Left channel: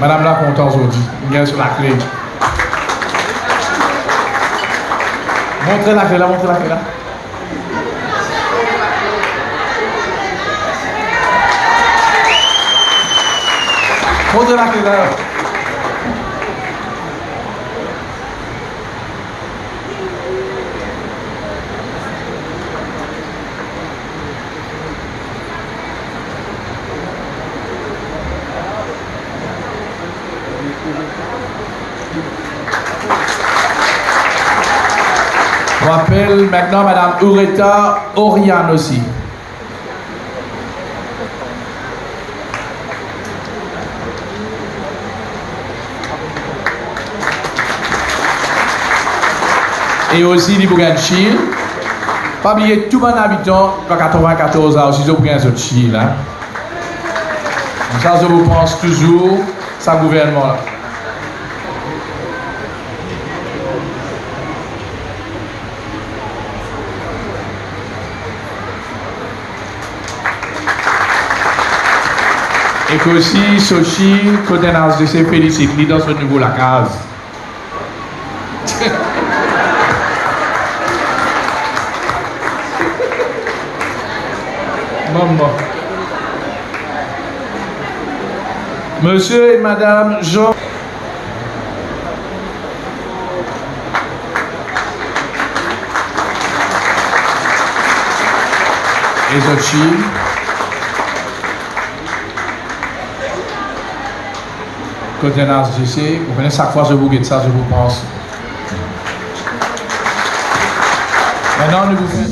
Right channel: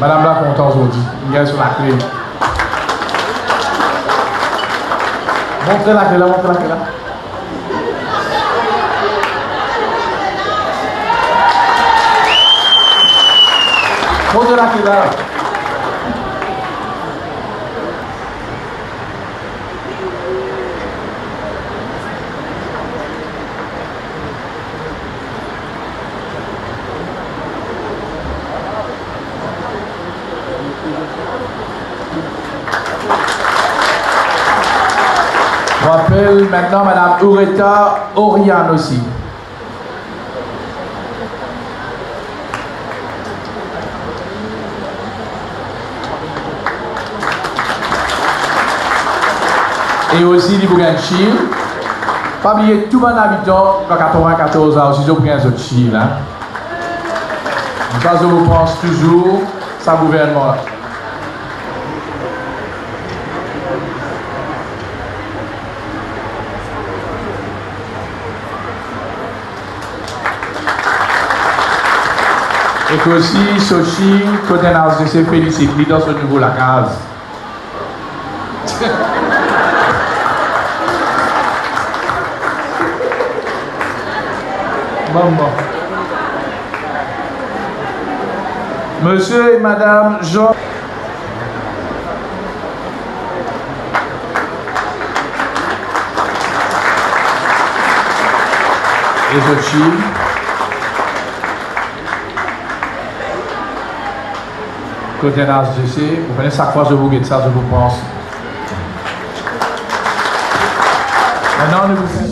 Madame la content aujourd'hui. Une gueule sur la clé. Montrez la clé là, montrez la clé là. Montrez la clé là. On appelle maintenant Madame Ureta Oriane aussi. Et aussi les Bouganchil. Pas oublier tout mon habitant dans 94 ans aussi, je vous autres Chil. Ça, je vous pense toujours, ça gouvernement. Et que aussi, Sochi, côté de ses félicite, dans ce niveau la case. Monsieur et Madame Jean. Et Sochi. Côté NHDC, vous connaissez chaque fois que je vous guette ça, je vous pense. Maintenant, nous vous